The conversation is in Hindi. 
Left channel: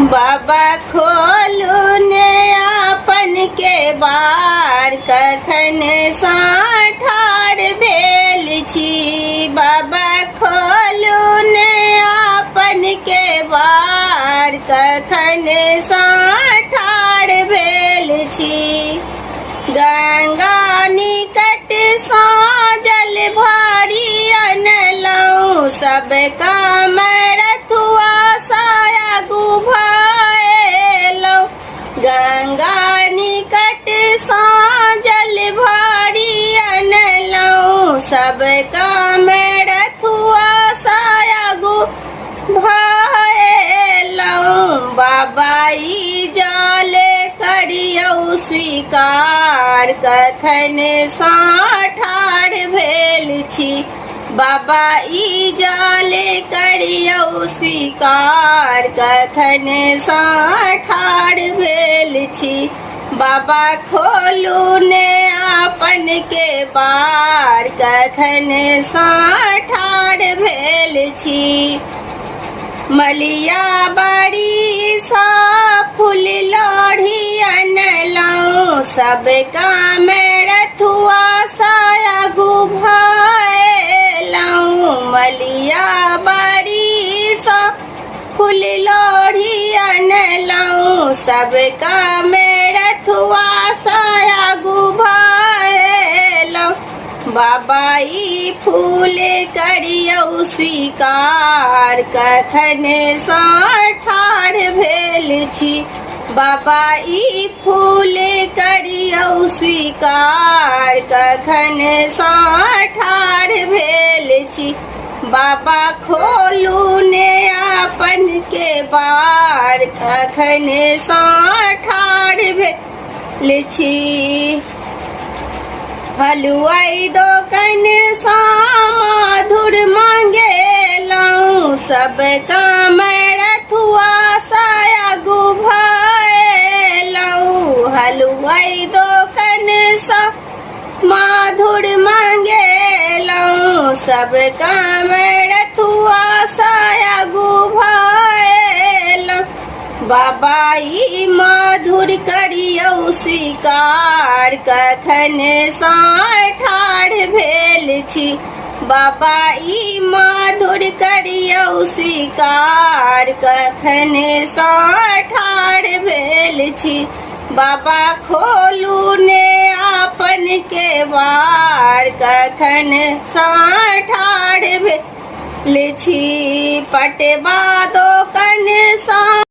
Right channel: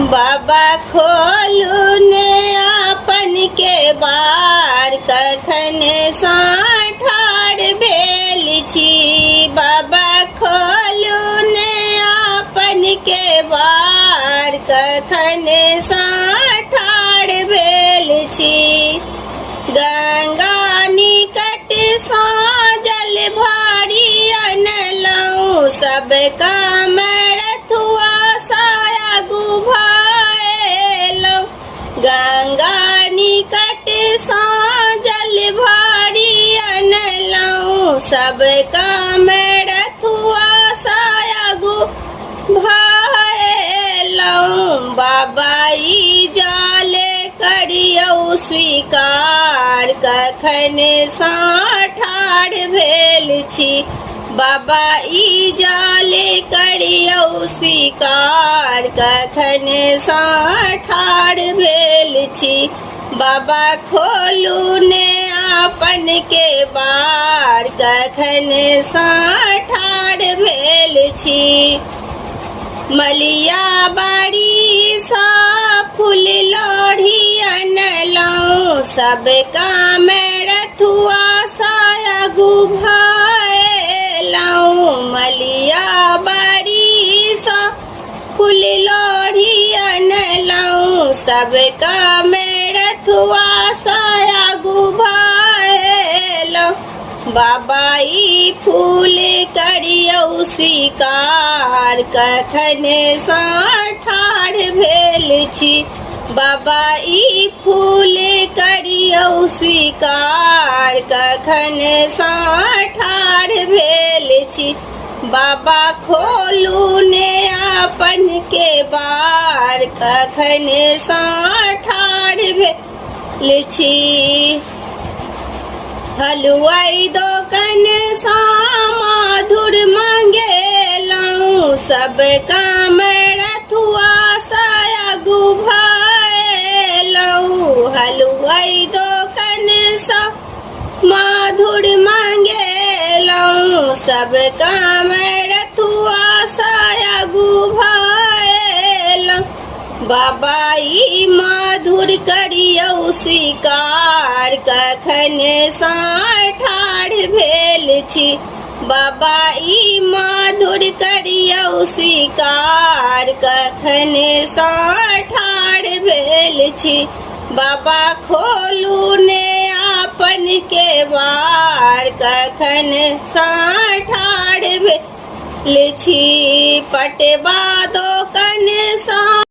बाबा खोलू ने आपन के बार कखन ठाढ़ भेल छी। बाबा खोलू ने आपन के बार कखन ठाढ़ भेल छी। गंगा निकट सँ जल भरी अनलहुँ सब काम रथुआ सायागु भएलहुँ। गंगा निकट सँ जल भरी अनलहुँ सब काम रथुआ सायागु भएलहुँ। बाबा ई जल करियौ स्वीकार कखन ठाढ़ भेल छी। बाबा ई जल करियौ स्वीकार कखन ठाढ़ भेल छी। बाबा खोलू ने आपन के बार कखन ठाढ़ भेल छी। मलिया बाड़ी सा फूल लोढ़ी अनलहुँ सब काम रथुआ सायागु भएलहुँ। मलिया बाड़ी सा फूल लोढ़ी अनलहुँ सब काम रथुआ सायागु भएलहुँ। बाबा ई फूल करियौ स्वीकार कखन ठाढ़ भेल छी। बाबा ई फूल करियौ स्वीकार कखन ठाढ़ भेल छी। बाबा खोलू ने आपन के बार कखन ठाढ़ भेल छी। हलुआई दोकान सँ माधुर मंगेलहुँ सब काम रथुआ सायागु भएलहुँ। हलुआई दोकान सँ माधुर मंगेलहुँ सब काम रथुआ सायागु भएलहुँ। बाबा ई माधुर करियौ स्वीकार कखन ठाढ़ भेल छी। बाबा ई माधुर करियौ स्वीकार कखन ठाढ़ भेल छी। बाबा खोलू ने आपन के बार कखन ठाढ़ भेल छी। पटवा दोकान सँ